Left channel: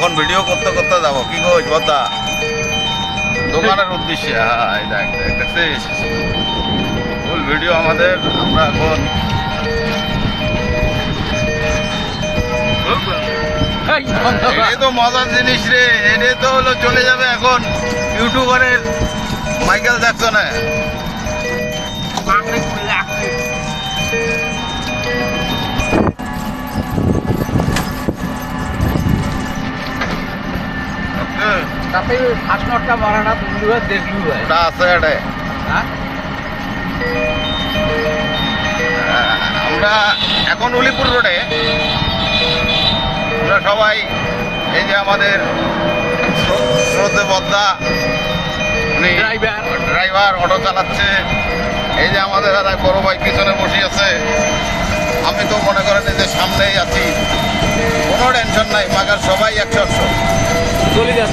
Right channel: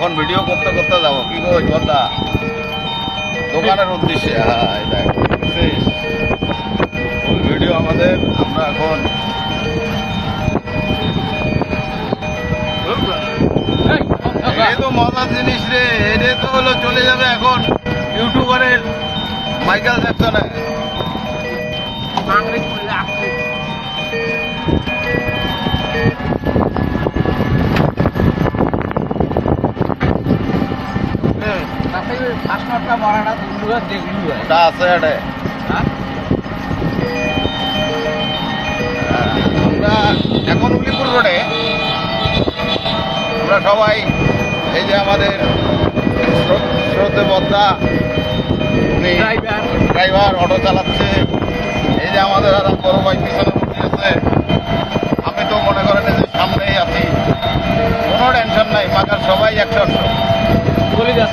এখন ভিডিও করতে করতে যাবো কি গো কথা দোকানের উদ্দেশ্যে। হ্যাঁ এই দেখ দেখতেছিস ফুল ভিডিও আমাদের। আমরা এখন এটাই তো মজার জিনিস রে, এটাই তো হলো চলে যাবে এখন ইউটিউবারের মাইকেল জ্যাকসনে। ওটা আছে এটাই। আমরা এখন উলিপুর রোডে আমরা সবাই এই যে আমাদের স্রোতে বদ্দা উনি ড্রাইভার অটো চালাচ্ছে, এই যে আমাদের একটা বড় ভাই পিছনে বসে আছে, আমি তো মনে করেন যে সামনেই আছি, কোনো টেনশন নাই, মাগার সবাই অ্যাকশন।